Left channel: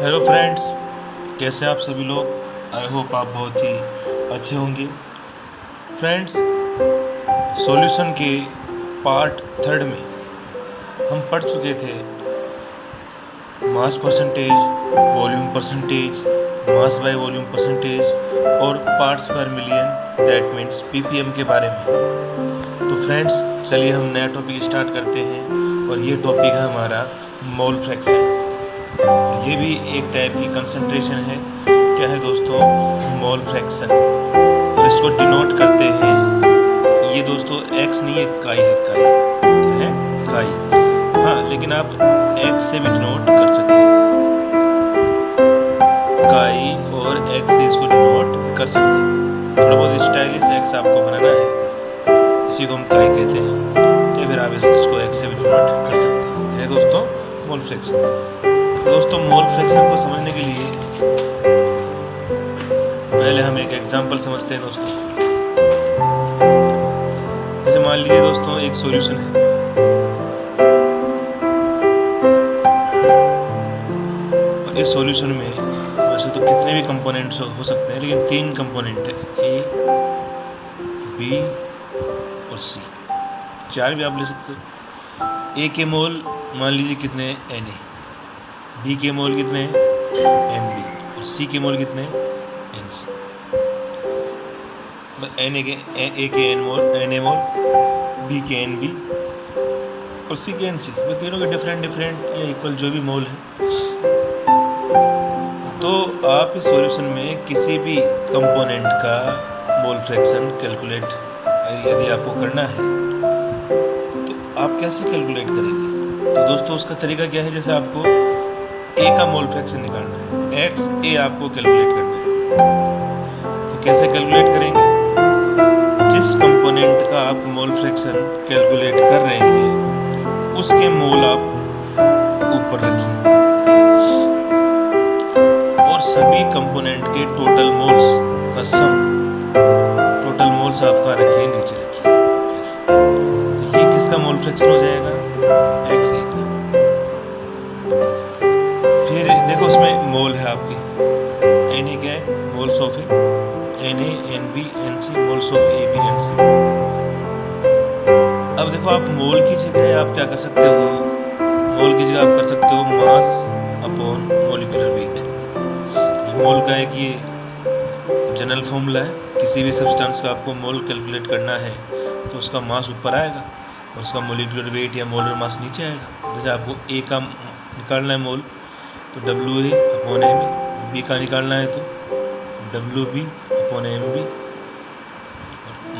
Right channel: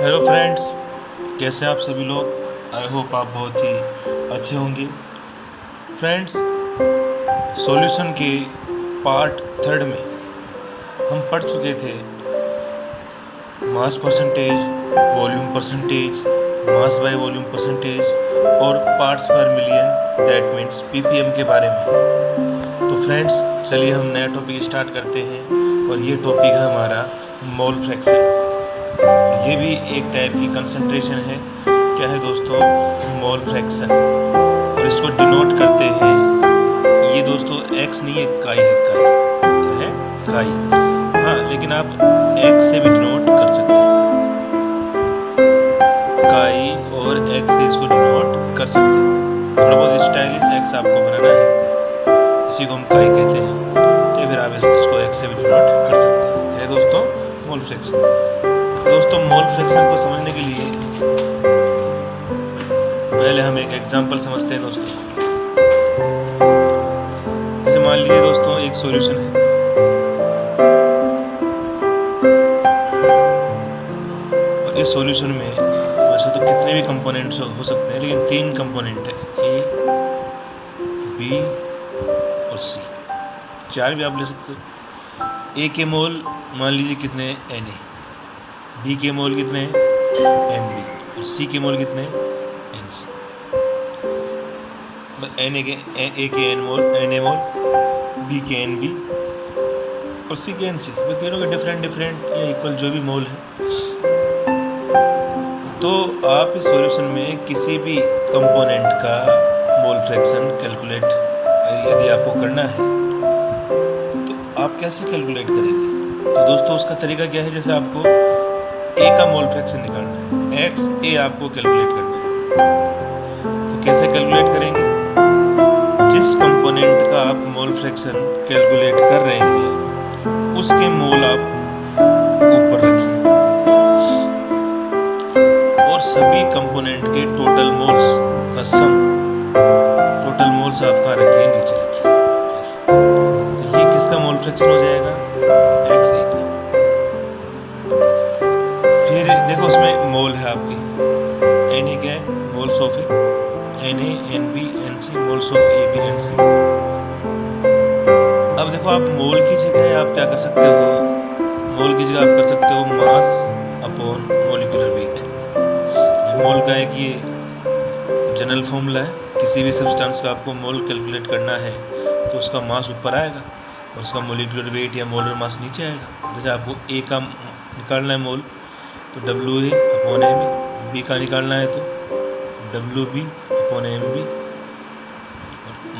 Hello friends, कैसे हैं आप सभी लोग। आई होप आप बहुत ही अच्छे होंगे। फ्रेंड्स, सॉल्यूशन के पार्ट थर्ड में हम पढ़ चुके थे mass percentage, volume percentage, mass by volume percentage और पार्ट्स पर मिलियन, दैट मीन्स पीपीएम के बारे में। तो फ्रेंड्स, चलिए हम नया टॉपिक स्टार्ट करते हैं और ये टॉपिक है हमारा मोल फ्रैक्शन। ये भी एक टाइप की कंसंट्रेशन है। क्या है दोस्तों? Mole fraction. और इसको डिनोट करते हैं, ये दोस्तों एक्स नहीं है, काई है। काई क्या है? काई। हाँ, लेकिन आप एक्स से भी डिनोट कर सकते हैं। काई और एक्स से इसको डिनोट कर सकते हैं। थोड़ा बहुत स्टाइलिश एक्स आपको बनाना है, इसी को हम काई कहते हैं। या फिर आप इसको एक्स से भी डिनोट कर सकते हैं। क्या है दोस्तों? Mole fraction. दोस्तों, मोल फ्रैक्शन को समझने के लिए पहले हम एक एग्जांपल समझते हैं दोस्तों। जैसे मान लीजिए दोस्तों, एक सॉल्यूशन है। और इस सॉल्यूशन में वैसे तो कितने भी कंपोनेंट्स हो सकते हैं, लेकिन 3 कंपोनेंट है, ए, बी और सी। 4 भी आप ले सकते हो। ए के मोल मान लीजिए कितने, एन ए। बी के मोल कितने हैं, एम बी। और सी के मोल कितने हैं, एन सी। एन ए के N mole, N A mole, B के एन बी और सी के एन सी। वो तीनों के डिफरेंट या इक्वल जो भी मोल है। तो आप इस सॉल्यूशन में किसी भी कंपोनेंट का मोल फ्रैक्शन कैलकुलेट यदि आपको करना है तो आप कैसे कैलकुलेट करेंगे? तो दोस्तों, उसका तरीका क्या है? जैसे आपको ए का मोल फ्रैक्शन निकालना है, एक्स ए आपको कैलकुलेट करना है। तो कैसे कैलकुलेट करेंगे? जिस कंपोनेंट का आप मोल फ्रैक्शन कैलकुलेट कर रहे हैं उसके मोल आप ऊपर रखिए और सभी कंपोनेंट के टोटल मोल्स का सम, टोटल मोल्स आप कहाँ रखिए? नीचे रखिए ऐसे। तो ये किसका मोल फ्रैक्शन हो जाएगा? एक्स ए का। फिर देखो, उसमें मोल है आपके, एन ए क्या है? Moles of A, N A, N B, N C, moles of A B and C. अब देखो, आप मोल की जगह आप क्या कर सकते हो? मोल की जगह आप कर सकते हो मास अपॉन मॉलिक्यूलर वेट। ये मोल का एक ये जनरल फॉर्मूला है। किसी भी सब्सटेंस का आपको मोल कैलकुलेट करना है तो उसका मास ऊपर आएगा और उसका मॉलिक्यूलर वेट या मोलर मास नीचे आएगा। जैसे आपको ए का निकालना है मोल तो W A upon M A, B का निकालना है तो W B upon M B,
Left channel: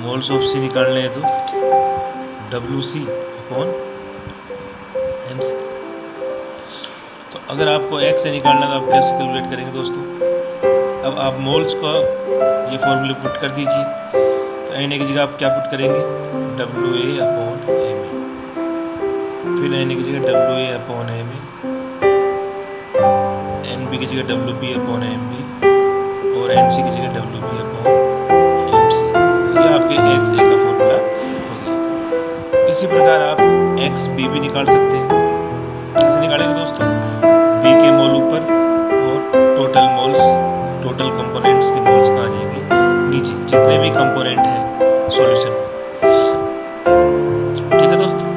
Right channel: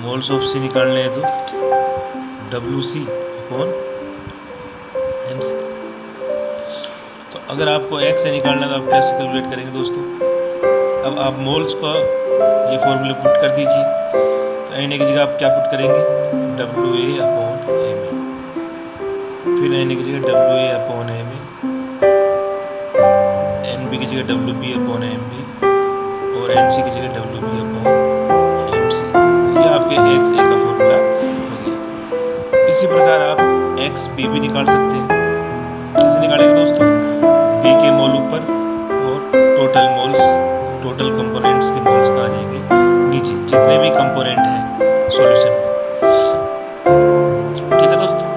moles of C निकालने हैं तो W C upon M C. तो अगर आपको एक्स से निकालना है तो आप कैसे कैलकुलेट करेंगे दोस्तों? अब आप मोल्स को ये फॉर्मूले पुट कर दीजिए। तो एन ए की जगह आप क्या पुट करेंगे? W A upon M A. फिर एन ए की जगह W A upon M A, N B की जगह W B upon M B और एन सी की जगह W B upon M C. ये आपके एक्स ए का फॉर्मूला हो गया। इसी प्रकार आप एक्स बी भी निकाल सकते हैं। कैसे निकालेंगे दोस्तों? बी के मोल ऊपर और टोटल मोल्स, टोटल कंपोनेंट्स के मोल्स कहाँ जाएंगे? नीचे, जितने भी कंपोनेंट हैं सॉल्यूशन में। ठीक है दोस्तों,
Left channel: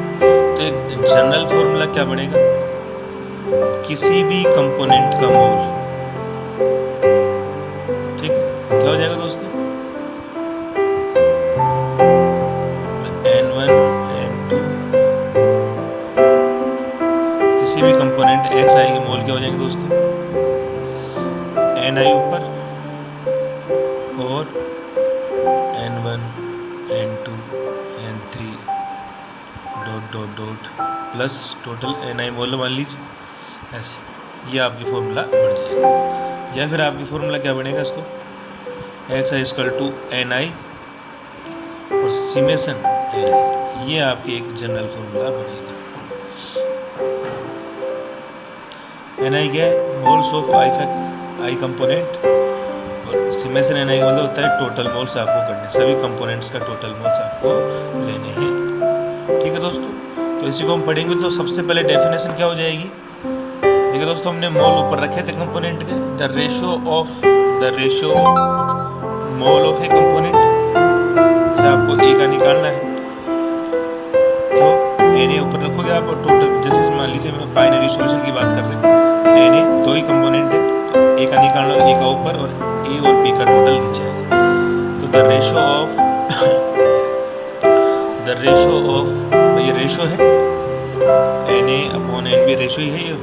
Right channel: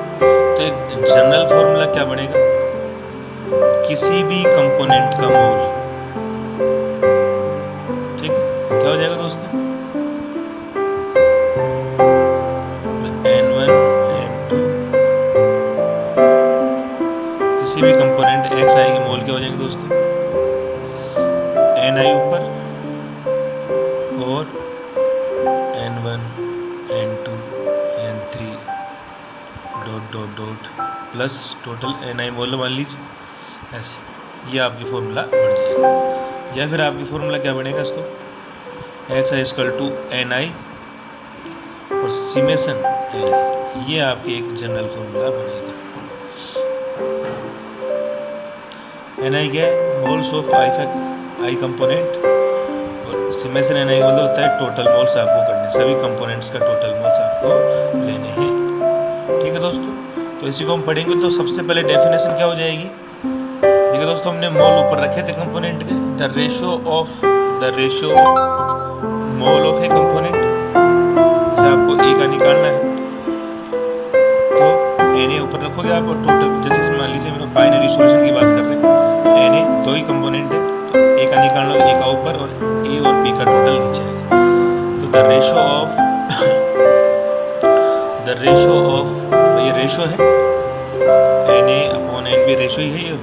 तो एक जनरल फॉर्मूला क्या बनेगा? किसी भी कंपोनेंट का मोल, ठीक है, क्या हो जाएगा दोस्तों? N1 N2, किसी भी कंपोनेंट x आएंगे मोल क्या हो जाएंगे दोस्तों? Ni ऊपर और N1 N2 N3 dot dot dot plus total Ni मोल मान लीजिए ऐसे। ये आपकी फॉर्मूला बन जाएगा। या फिर आपकी फॉर्मूला क्या बनेगा? इसको एक्स इक्वल टू एन आई और सिमेशन एन आई। ये आपकी एक जनरल फॉर्मूला बनेगा। एन आई क्या है? मोल्स ऑफ आई कंपोनेंट और सिमेशन एन आई का मतलब होता है टोटल मोल्स आपको करने, सभी कंपोनेंट्स का टोटल मोल्स आपको लेने हैं। ठीक है दोस्तों, तो इसी को हम पढ़ेंगे। तो सबसे पहले डेफिनेशन क्या हो जाएगी? ठीक है दोस्तों, हमने मोल ऊपर रखे थे कंपोनेंट के। The ratio of mole of A component, जैसे आपको ए का निकालना है तो Na ऊपर रखोगे आप, और टोटल जैसे मान लीजिए मैं बाइनरी सॉल्यूशन की बात कर रहे हैं, Na दो ही कंपोनेंट है तो ए का निकालना, ए का ऊपर और ए और बी का टोटल नीचे आएगा। तो द रेशियो ऑफ ये रेशो है, Na अपॉन NB रेशो ही है, ये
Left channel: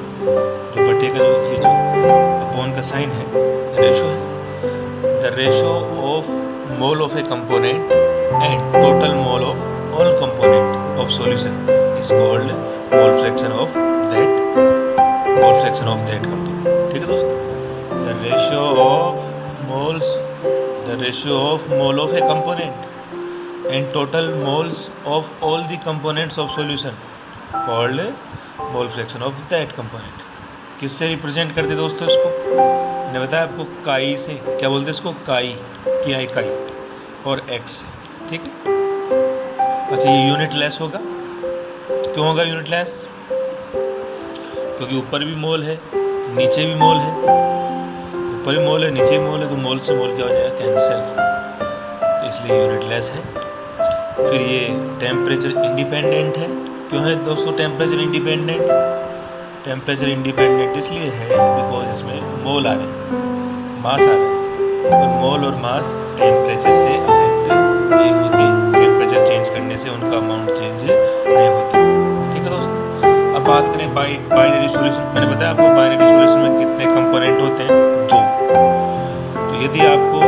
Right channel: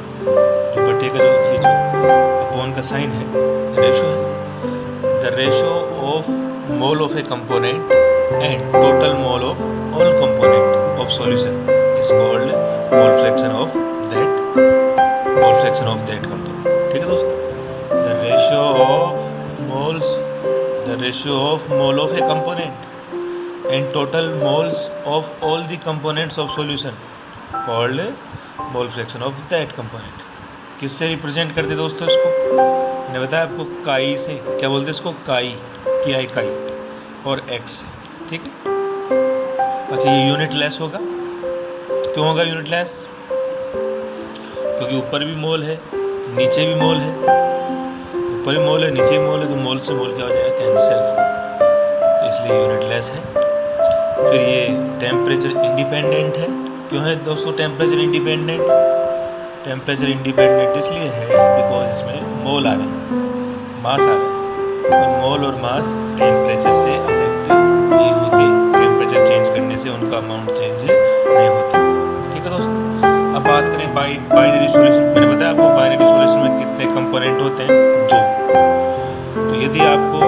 जो बटे का ये जो अपॉन का साइन है रेशो है। The ratio of mole of A component and total mole of all component of solution is called mole fraction of that component. ठीक है दोस्तों, the ratio of mole of A component and total moles of all the components of solution called mole fraction of that component. किससे represent करते दोस्तों इसको? मैंने बताया आपको काई से, क्या बोलते इसको? काई और एक्स से। ठीक है, अच्छा ये यूनिट लेस होगा। क्यों होगा यूनिट लेस? क्योंकि ऊपर भी मोल है नीचे भी मोल है, ऊपर भी मोल है नीचे भी मोल है, तो मोल से मोल क्या हो जाएगा? कैंसिल, तो इसलिए यूनिट लेस है। फिर ये टेम्परेचर इंडिपेंडेंट है। क्यों है दोस्तों टेम्परेचर इंडिपेंडेंट? टेम्परेचर इंडिपेंडेंट इसलिए है बिकॉज इसमें मोल आ रहे हैं, मास आ रहे हैं, और मोल और मास टेम्परेचर से अफेक्ट नहीं होते, टेम्परेचर चेंज करने से उनका अमाउंट चेंज नहीं होता। ठीक है दोस्तों, अब बात करें बाइनरी सॉल्यूशन। मैंने बताया आपको बाइनरी सॉल्यूशन में कितने कंपोनेंट होते हैं? 2। तो यदि आपको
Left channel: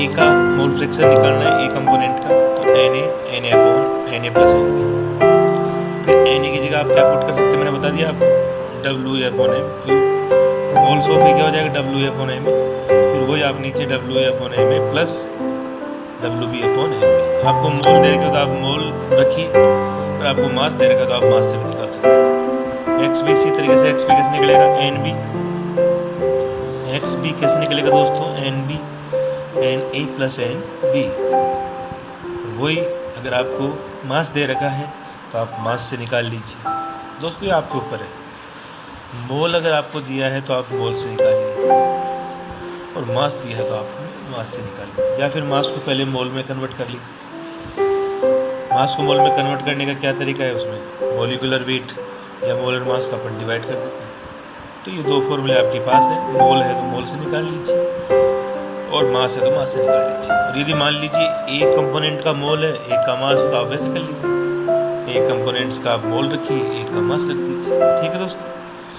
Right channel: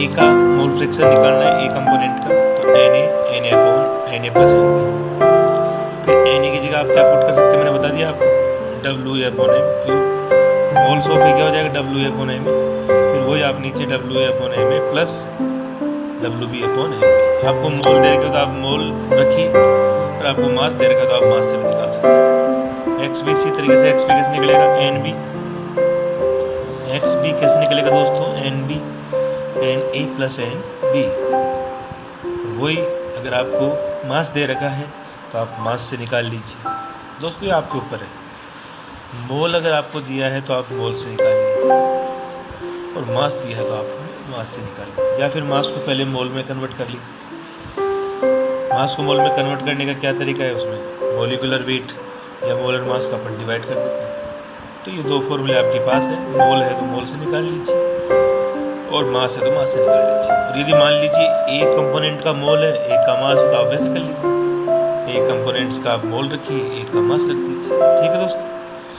ए का मोल फ्रैक्शन निकालना है ए कंपोनेंट का, तो Na upon Na plus NB। फिर Na की जगह आप क्या पुट कर सकते हैं? मैंने बता दिया आपको WA अपॉन M। फिर मोल्स ऑफ ए क्या हो जाएगा? WA upon M। फिर वही आप नीचे WA upon MA plus WB upon MB। आपको मोल दे रखे हो तो आप मोल रखिए, और आपको मास दे रखा तो आप मास से भी निकाल सकते हैं। XB इसी तरीके से, XB कैसे निकलेगा? XB कैसे निकलेगा दोस्तों? NB Na plus NB। वही अगर आपको मास दे रखा है तो आप मास से निकाल लीजिए। दोस्तों ये आपके ऊपर है। मोल अगर आपको दिया है तो आप मोल से निकालिए, और मास दिया है तो आप मास से निकालिए, या फिर मास को पहले मोल में कन्वर्ट कर लीजिए। मास को मोल में कन्वर्ट करने का क्या तरीका है? उसमें मोलिकुलर वेट या मोलर मास का अपन डिवाइड कर देते हैं। तो ये 2 फॉर्मूले आपके पास है। मोल है तो मोल से निकाल लीजिए, और मास है तो मास से निकाल लीजिए। और यदि मान लीजिए एक कंपोनेंट का मोल है, एक का मास है, तो आप वैसे कर लीजिए, एक कंपोनेंट्स का आप मोल रखिए, एक का मास रख दीजिए। ठीक है दोस्तों,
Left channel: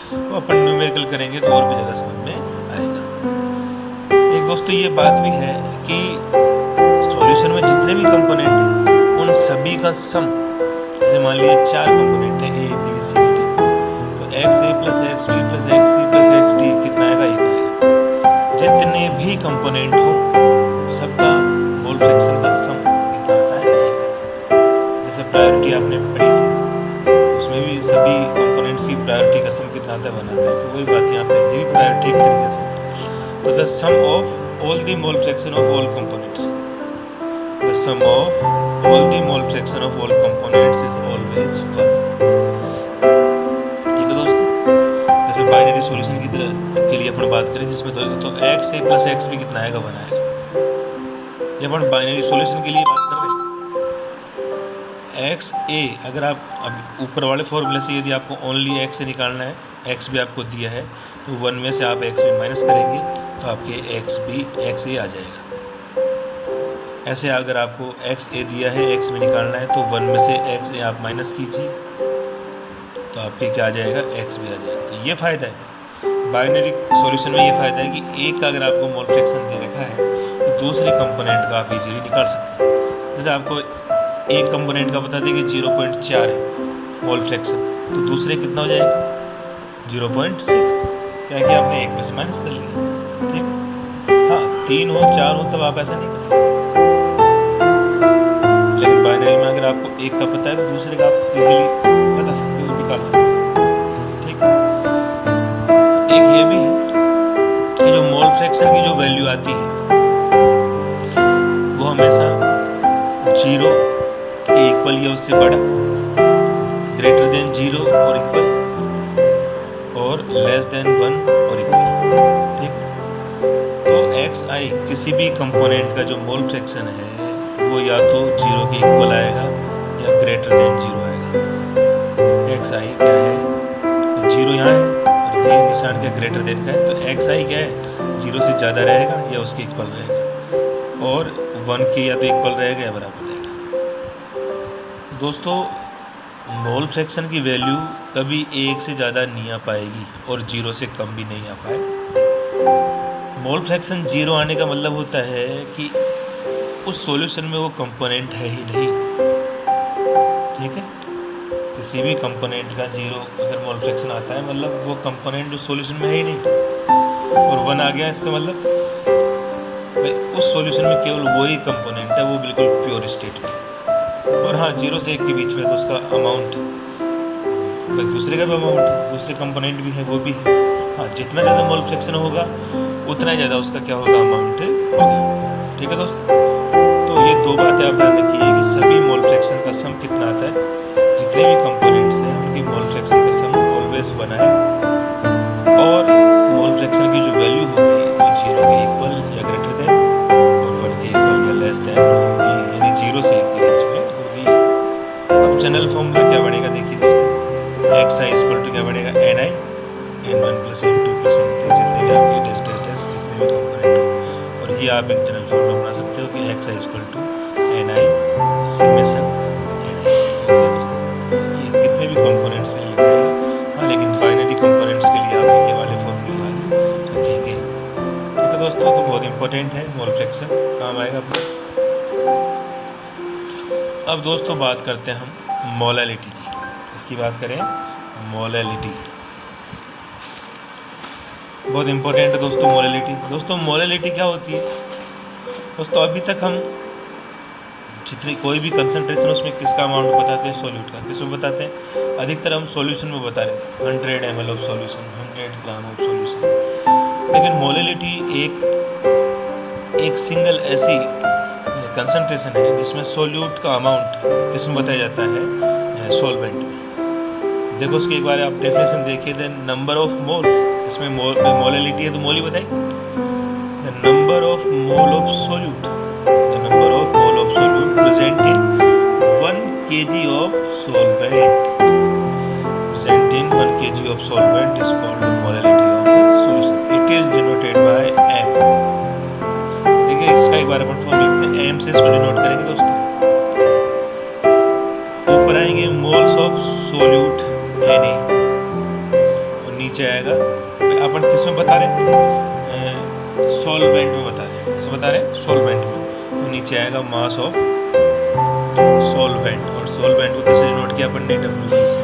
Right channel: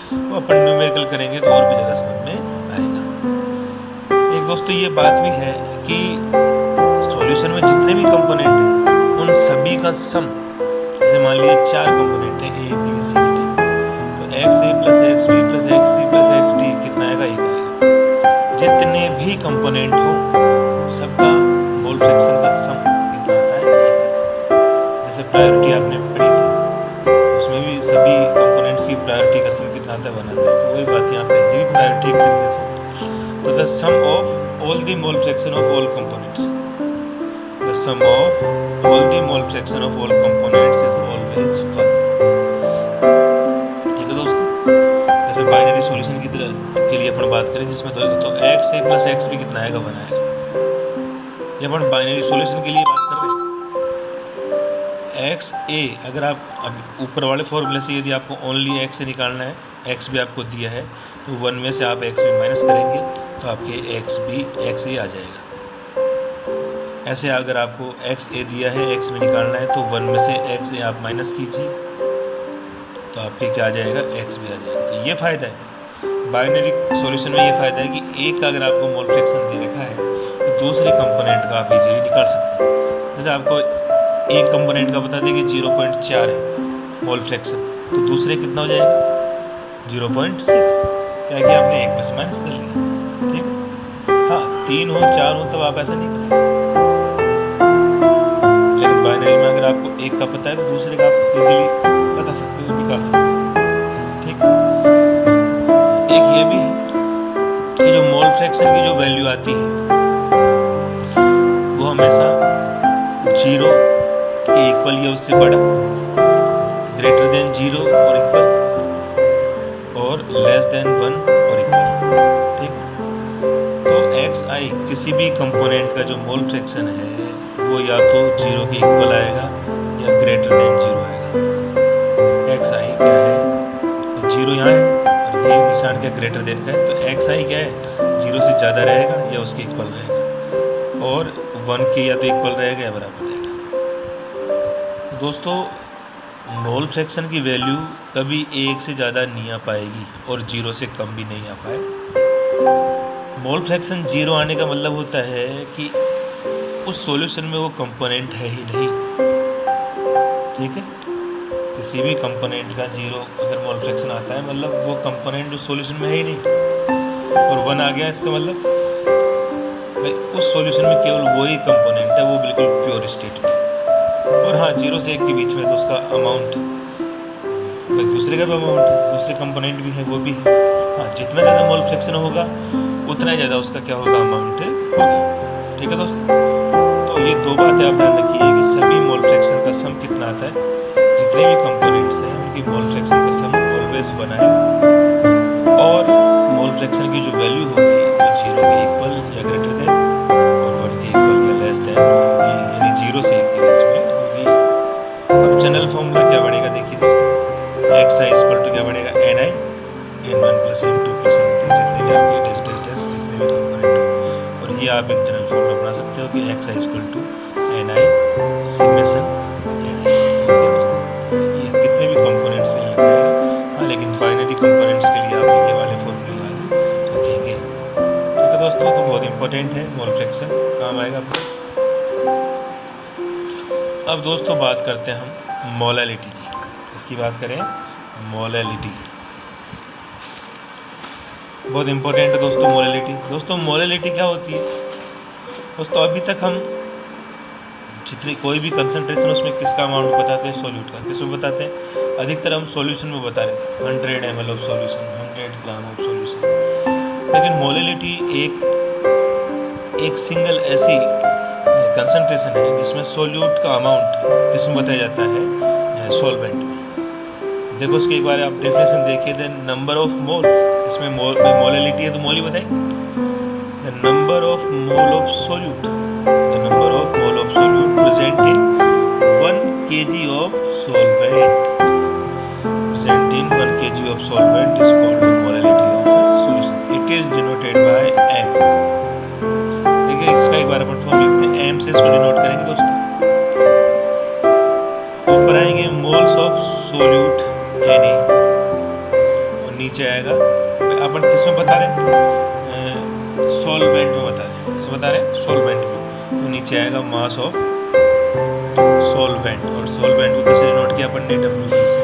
तो अपन न्यूमेरिकल करेंगे तो और भी ज़्यादा समझ में आएगा। एक दोस्तों ये बात भी है कि सॉल्यूशन में जितने भी कंपोनेंट हैं उन सभी का सम, जैसे मान लीजिए 4 कंपोनेंट हैं A B C D, तो XA plus XB plus XC plus XD कितना आएगा? 1 आएगा। जितने भी कंपोनेंट हो सबका मोल फ्रैक्शन का सम कितना आता है? 1। जैसे प्रायोरिटी आपने पढ़ी थी, उसमें भी सभी कंपोनेंट्स की प्रायोरिटी का सम कितना आता है? 1 आता है। तो वही बात यहाँ पे, ये भी प्रायोरिटी एक तरीके से। तो the sum of all the mole fraction of all components, the sum of all the mole fraction of all components is always 1। ठीक है दोस्तों, जैसे बाइनरी सॉल्यूशन की तरह के लिए अपन बात करें जिसमें तो XA प्लस XB कितना आएगा? 1 आएगा। ये अपन बाइनरी सॉल्यूशन के लिए बात कर रहे हैं। XA अगर आप अब ऊपर वाले फॉर्मूले से यदि आपको ओनली X से निकालना है, X भी आपको दिया है, तो 1 में से आप XB माइनस करेंगे तो आपके XA आ जाएगा। ऐसे अगर आपको XA दिया है, X में निकालना है, तो 1 में से XA आप माइनस कीजिए तो आपके क्या आ जाएगा? X भी आ जाएगा। तो ये फ़ायदा है बाइनरी सॉल्यूशन में, ये फ़ायदा है कि एक का अगर आपको मोल फ्रैक्शन दे रखा है तो दूसरे कंपोनेंट का आप इजीली निकाल सकते हैं। जैसे आपको एक कंपोनेंट का बता दें कि 0.4 है मोल फ्रैक्शन, तो दूसरे कितना हो जाएगा? 0.6। क्या कि आपने 1 में से माइनस कर लिया। ठीक, हाँ 3 हो 4 हो तब आप ऐसा नहीं कर सकते, लेकिन बाइनरी में अगर आपको एक का पता है तो दूसरे का आप इजीली बता सकते हो, निकाल सकते हो। ठीक, एक ये भी है कि जो मोल फ्रैक्शन की जो वैल्यू आती है वो हमेशा 0 के इक्वल या उससे बड़ा, ग्रेटर देन 0 और इक्वल, और और लेस देन 1 और इक्वल। ठीक, तो XI किसी भी कंपोनेंट का जो मोल फ्रैक्शन है वो या तो 0 के इक्वल आएगा या ग्रेटर देन 0 आएगा। XI क्या है, 0 यहाँ है और ये निशान क्या ग्रेटर देन का है, तो XI क्या है 0 से ज़्यादा रहेगा या उसके इक्वल रहेगा, और 1 के या तो इक्वल रहेगा या बराबर रहेगा। दोस्तों मोल फ्रैक्शन की वैल्यू कभी 1 से ज़्यादा नहीं आ पाएगी और 0 से कम भी नहीं आ पाए। मोल फ्रैक्शन 0 आने का मतलब होता है कि उस सॉल्यूशन में वो कंपोनेंट है ही नहीं। ठीक है, किसी भी कंपोनेंट का 0 अगर मोल फ्रैक्शन आता है मतलब वो कंपोनेंट उस सॉल्यूशन में है ही नहीं, और 1 आ गया इसका मतलब भाई उस सॉल्यूशन में केवल वही कंपोनेंट है, वो बिल्कुल प्योर स्टेट में। और हाँ 0 से 1 के बीच में तो उसका अमाउंट दूसरे का भी अमाउंट है, दूसरे कंपोनेंट भी है वो भी है। हाँ जितना ज़्यादा मोल फ्रैक्शन होगा उतना ही ज़्यादा उसका क्या होगा अमाउंट होगा। ठीक है दोस्तों, तो ये दो बातें आप ध्यान रखिए कि सभी मोल फ्रैक्शन का सम कितना आता है, जितने भी कंपोनेंट्स हैं उनकी मोल फ्रैक्शन का सम ऑलवेज 1 है, और मोल फ्रैक्शन की जो वैल्यू होगी वो 0 के इक्वल या ग्रेटर देन और 1 के इक्वल या लेस देन होगी, यानी 0 से 1 के बीच में होगी। अब जनरल फॉर्मूला क्या बनेगा देखिए दोस्तों, XI इक्वल टू क्या बनेगा NI N1 + N2 + N3, जितने भी आपके टेस्ट जितने भी कंपोनेंट हो, और ये आप एक जनरल फॉर्मूला बना सकते हो कि XI equal to NI summation NI। Okay दोस्तों, ये कितने भी कंपोनेंट्स के लिए लग जाएगा। हाँ लेकिन बाइनरी कंपोनेंट्स के लिए आप ये वाले फॉर्मूले रखेंगे। ठीक है दोस्तों, तो बहुत इंपॉर्टेंट है मोल फ्रैक्शन, काम आएगा आपको। अब दोस्तों बात करते हैं हम मोलैलिटी की, इसकी बात करें मोलैलिटी, बहुत इंपॉर्टेंट है दोस्तों मोलैलिटी। दोस्तों मोलैलिटी क्या होती है दोस्तों, अभी तक हम जितनी कोई भी कंसंट्रेशन उसमें किसका अमाउंट बताते हैं, सॉल्यूट का। किस में बताते हैं, अधिकतर हम सॉल्यूशन में बता रहे थे 100 ml of solution, 100 gram of solution. लेकिन मोलैलिटी एक सिंगल ऐसी कंसंट्रेशन है जिसमें सॉल्यूट का अमाउंट किसमें बताया जाता है, सॉल्वेंट में। देखो उसकी एक बार आप डेफिनेशन देखिए, द नंबर ऑफ मोल्स, इसमें मोलैलिटी है तो मोल ही बताइए, the number of mole of solute, the number of mole of solute present in 1 kg of solvent, present in 1 kg of solvent is called molality of solution. It is denoted by M। देखिए इसका एक बार अपन form लिखते हैं, M से इसको denote करेंगे दोस्तों। ऊपर आएंगे मोल्स ऑफ सॉल्यूट Na, और नीचे आएगा अपन किस में बता रहे हैं, सॉल्वेंट में बता रहे हैं, किस बता रहे हैं, सॉल्वेंट में, तो नीचे आएगा मास ऑफ सॉल्वेंट, और सॉल्वेंट को कैसे डिनोट किया अपन ने, WB से,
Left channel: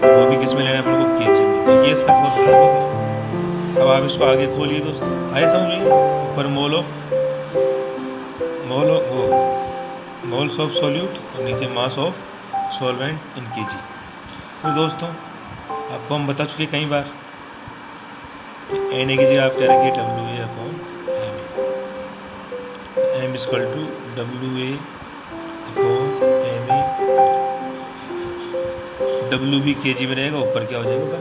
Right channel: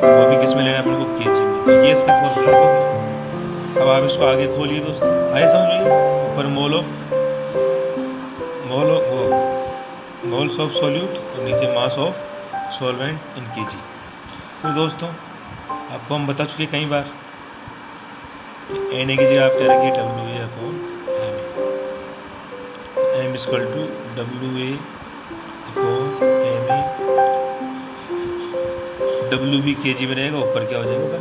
तो वो भी किस में लेना है अपन को, kg में। तो ये इसका फॉर्मूला हो गया। अब आप इसको आगे खोलिए दोस्तों, आइए समझिए, ऊपर मोल्स ऑफ सॉल्यूट और नीचे mass of solvent in kg। फिर दोस्तों आपको हम बता चुके कई बार, Na की जगह आप क्या रखिए, WA upon Ma, M equal to WA upon Ma, WB kg में रहेगा, ऊपर क्या हो जाएगा,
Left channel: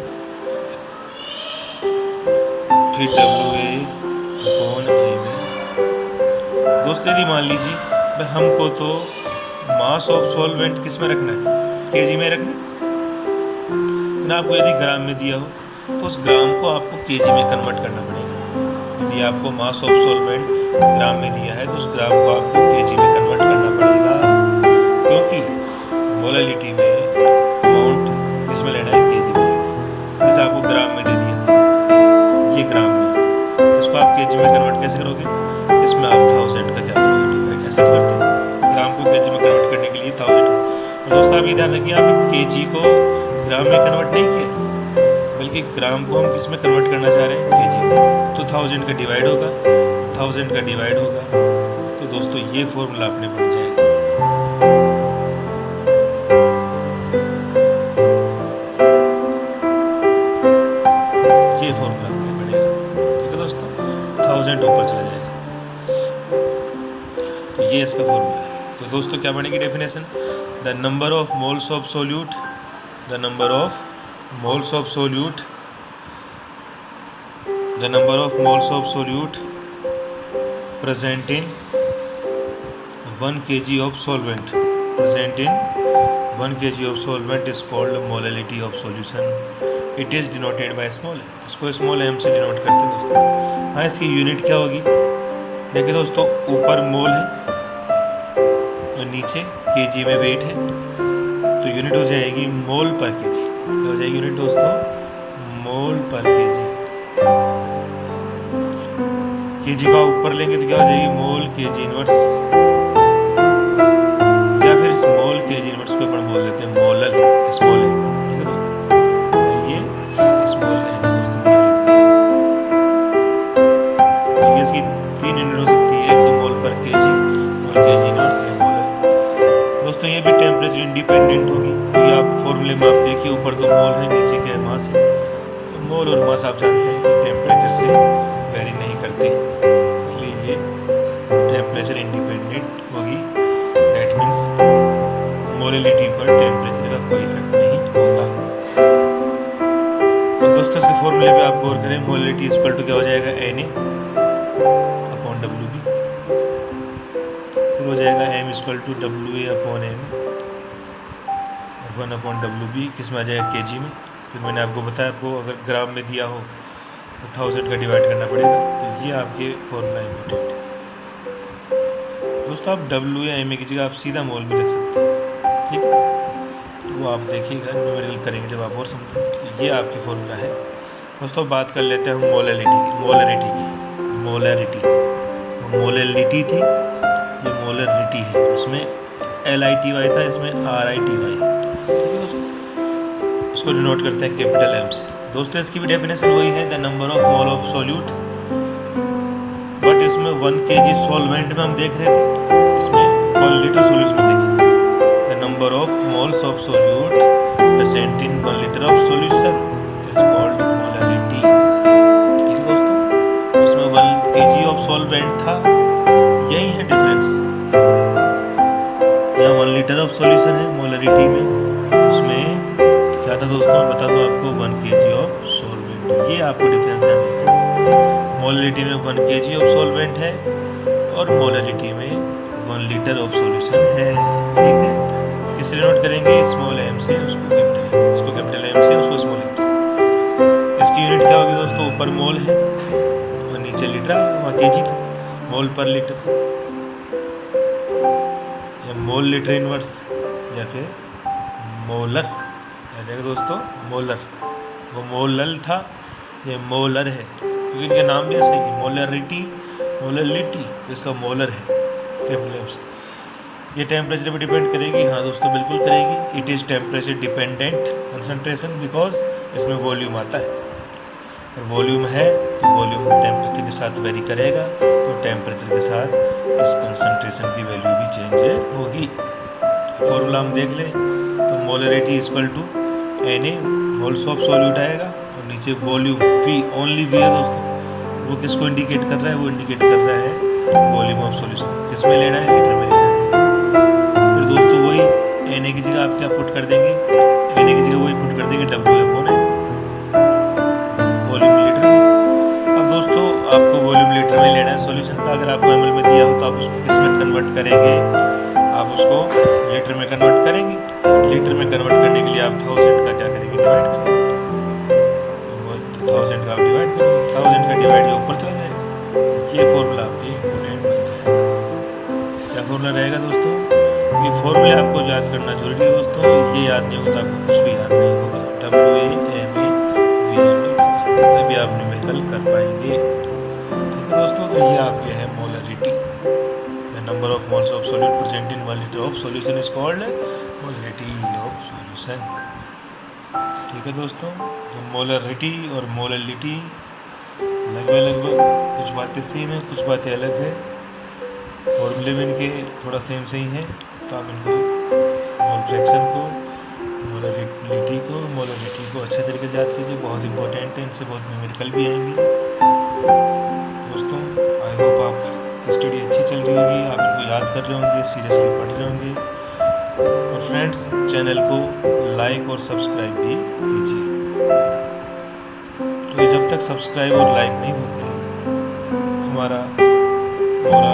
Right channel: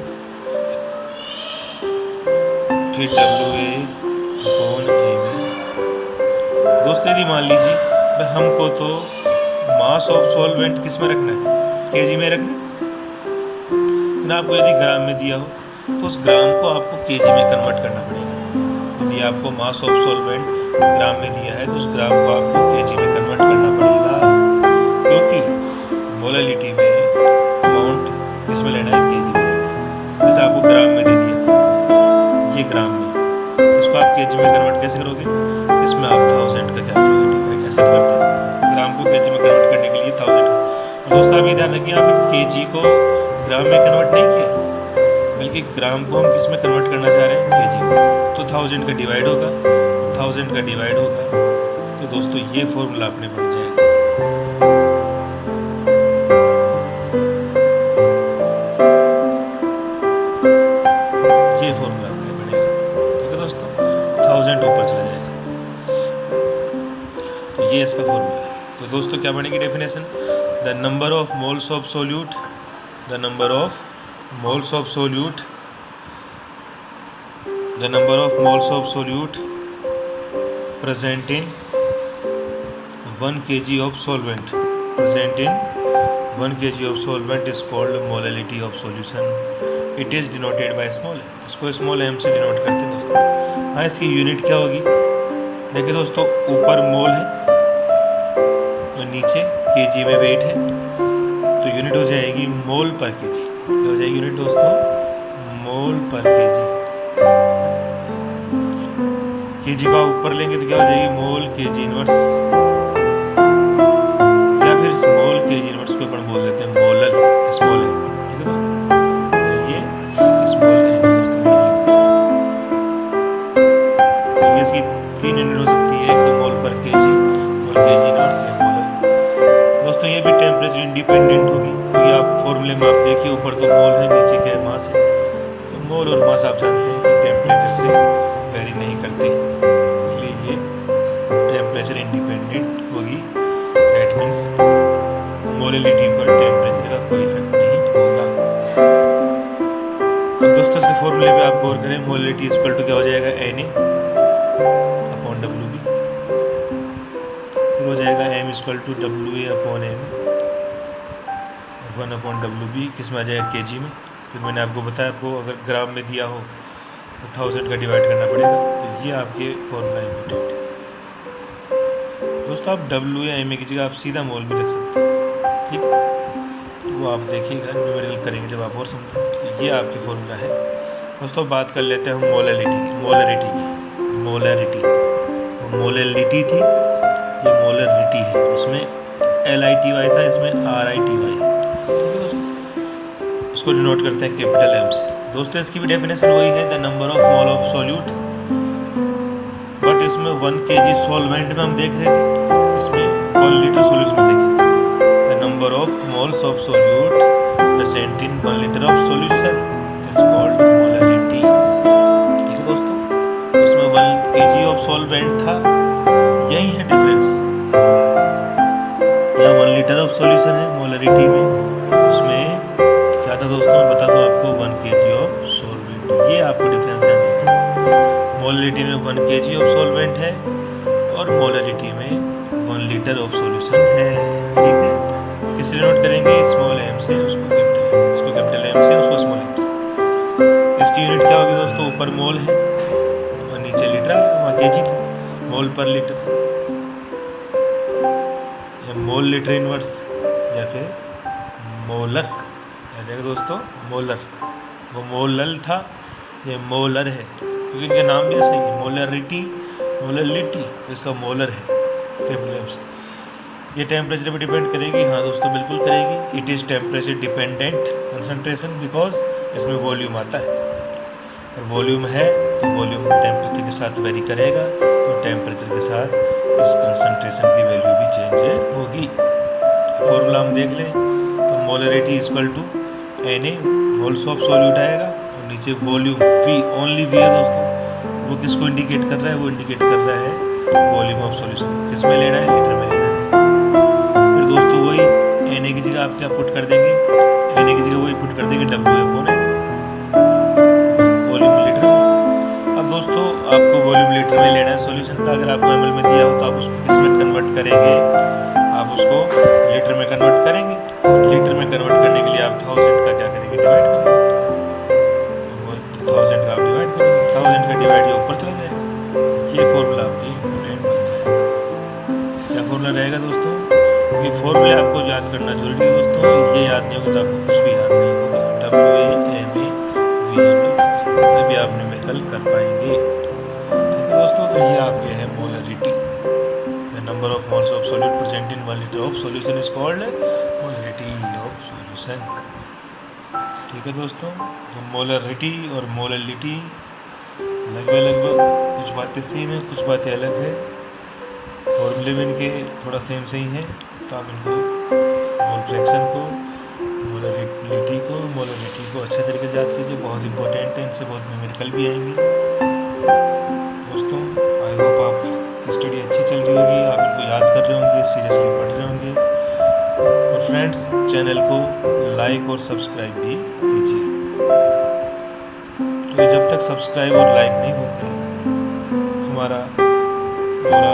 फिर WA अपॉन Ma। दोस्तों यदि मान लीजिए भाई हमको तो मास ऑफ सॉल्वेंट किस में रखना है, kg में रखना है, आपको यदि ग्राम में दिया हो तो उस ग्राम को आपको kg में कन्वर्ट करना पड़ेगा। यदि आपको मास ऑफ सॉल्वेंट ग्राम में दिया है तो उस ग्राम को आपको kg में कन्वर्ट करना पड़ेगा, क्योंकि मोलैलिटी में अमाउंट किसमें लेना है, kg में लेना है। जैसे आपको ग्राम में दे दिया, ये ग्राम में, तो इसको आप kg में कन्वर्ट कैसे करोगे, इसमें आप 1000 का क्या करोगे, डिफरेंट कैसे करते हैं, ग्राम को kg में कन्वर्ट करने के लिए 1000। और दोस्तों आप ये ध्यान रखिए, आपने kg को ग्राम में कन्वर्ट नहीं किया, बल्कि ग्राम को हम किस में कन्वर्ट करना चाह रहे हैं, kg में। तो 1000 का डिवाइड होगा, 1000 का डिवाइड होगा, तो दोस्तों ये फॉर्मूला अपने बन जाएगा। ये फॉर्मूला अपने बनेगा, ठीक है दोस्तों, 1000 ऊपर चला जाएगा, तो ये इसका फॉर्मूला है। तो दोस्तों क्या बनेगी definition, the number of moles of solute, the number of moles of solute the number of moles of solute present in 1 kg of solvent of solvent is called molality of solution. It is denoted by small m. इसको small m से denote करते हैं दोस्तों। हाँ, इसकी unit क्या होगी? देखिए दोस्तों, ऊपर मोल है और नीचे kg में वेट है, तो यूनिट हो जाएगी मोल पर kg। क्या हो जाएगी यूनिट दोस्तों? मोल पर kg। kg का ऊपर लेंगे तो क्या हो जाएगी? मोल kg इनवर्स, या फिर स्मॉल kg इनवर्स को अपन बोल देते हैं मोलल, स्मॉल m। ठीक है दोस्तों, ये स्मॉल m दोस्तों, ये इसकी 3 यूनिट हो सकती है, तो मोल पर kg, मोल kg इनवर्स या मोलल। दोस्तों ये भी टेम्परेचर इंडिपेंडेंट होगी, क्योंकि आप फॉर्मूले में आप देखिए, ऊपर तो मोल है, नीचे क्या है? मास है। तो मोल और मास आप जानते हैं कि टेम्परेचर से वेरी नहीं करते, इसलिए ये टेम्परेचर इंडिपेंडेंट होगी। दैट मीन्स मोलैलिटी पर टेम्परेचर का कोई इफेक्ट नहीं होगा। अब दोस्तों इसके फॉर्मूले पे आप गौर करें, मोलैलिटी इक्वल टू क्या हो जाएगा? Na अपॉन WB, फिर हो जाएगा M equal to WA upon M, 1 upon WB किस में आ जाएगा? kg में। फिर मैंने आपको बताया, आपको अगर ग्राम में दिया हो तो 1000 का डिवाइड करना पड़ेगा। तो ये आपके फॉर्मूला इम्पोर्टेंट है दोस्तों। आप W या M की जगह आप सीधा मोल भी रख सकते हैं, ठीक। तो वो आप देखिएगा, न्यूमेरिकल करेंगे जब आप और समझेंगे। तो ये आपकी फॉर्मूला है दोस्तों। बात कर लेते हैं हम मोलैलिटी की। मोलैरिटी मोलैलिटी थी, ये मोलैरिटी है। इसमें LITY था, इसमें RITY है, ठीक है दोस्तों। इसको डिनोट करते हैं कैपिटल M से। दोस्तों इसकी भी डेफिनेशन वही है, the number of mole of solute, but इसमें 1 kg सॉल्वेंट में हम देख रहे थे, इसमें 1 लीटर सोल्यूशन में देखेंगे। The number of moles of solute present in 1 litre of solution is called molarity. ठीक है दोस्तों, उसमें 1 kg ऑफ सॉल्वेंट था, यही है डिफरेंस। यहाँ 1 लीटर ऑफ सोल्यूशन है मोलैरिटी में, उसमें क्या था दोस्तों? मैं बता दूँ आपको, 1 kg ऑफ सॉल्वेंट। ये आपको डिफरेंस ध्यान देना। मोलैरिटी में 1 kg ऑफ सॉल्वेंट है और मोलैरिटी में 1 लीटर ऑफ सॉल्यूशन है, ठीक है। किस नोट करेंगे? स्मॉल m से उसको कैपिटल m, इसको कैपिटल M से उसको स्मॉल m से। इसकी यूनिट क्या होगी दोस्तों? ऊपर मोल है और नीचे लीटर है, वहाँ kg था। मोल पर लीटर या मोल लीटर इनवर्स या फिर मोलर आ जाएगा दोस्तों। मोलर, वो मोलल था, ये मोलर है, क्योंकि इनका नाम भी ऐसा ही है, मोलैरिटी, तो इसका मोलर है कैपिटल M से। ये टेम्परेचर पे डिपेंड करेगी। हाँ दोस्तों, बिल्कुल करेगी। It is temperature dependent concentration, because इसमें वॉल्यूम आता है, और वॉल्यूम है तो वॉल्यूम टेम्परेचर के साथ वेरी करेगा, तो टेम्परेचर के साथ इस कंसंट्रेशन की वैल्यू भी चेंज होगी। फॉर्मूला हम देख लें तो molarity equal to Na, moles of solute आएगा, और नीचे वॉल्यूम V, ओनली V है दोस्तों। वो किसको इंडिकेट कर रहा है? वो इंडिकेट कर रहा है वॉल्यूम ऑफ सॉल्यूशन। किस में लेना है? लीटर में लेना है। फिर दोस्तों वही Na की जगह आप क्या पुट कर देंगे? Na की जगह वही पुट कर देंगे W upon M, volume litre में। अब दोस्तों आपको वॉल्यूम लीटर में लेना है सॉल्यूशन का। अगर आपको ml में दिया हो तो आप उसको किस में कन्वर्ट करेंगे? आप उसको लीटर में कन्वर्ट करेंगे। लीटर में कन्वर्ट करने के लिए आप 1000 का क्या करेंगे? डिवाइड करेंगे। 1000 का आप डिवाइड करेंगे, 1000 का डिवाइड ये ऊपर चला जाएगा। ये फॉर्मूला आपके इम्पोर्टेंट बन जाएगा। क्या फॉर्मूला रहेगा दोस्तों? ये फॉर्मूले आपको याद करना जरूरी है दोस्तों। ये याद नहीं होगा तो आपको कुछ भी याद नहीं होगा। WA तभी आप न्यूमेरिकल कर पाएंगे, ठीक है दोस्तों। तो ये आपके है molarity. The number of moles of solute present in 1 litre of solution is called molarity of solution, ठीक है दोस्तों। तो मोलैरिटी और मोलैलिटी लगभग कुछ बातें सेम है, कुछ बातें अलग है। फॉर्मूले में इनके थोड़ा सेम से ही है, तो आप इनको मोल फ्रैक्शन को, मोलैरिटी को अच्छे तरीके से याद कीजिए। बहुत इंपॉर्टेंट है, इनसे बहुत न्यूमेरिकल भी आएंगे दोस्तों। आई होप आपकी स्टडी अच्छी चल रही होगी, आप इनको याद कर रहे होंगे, सीरियसली पढ़ रहे होंगे। और फ्रेंड्स, चैनल को लाइक और सब्सक्राइब भी कीजिए। वे जब तक सब्सक्राइब और लाइक नहीं होते, हमारा मोरल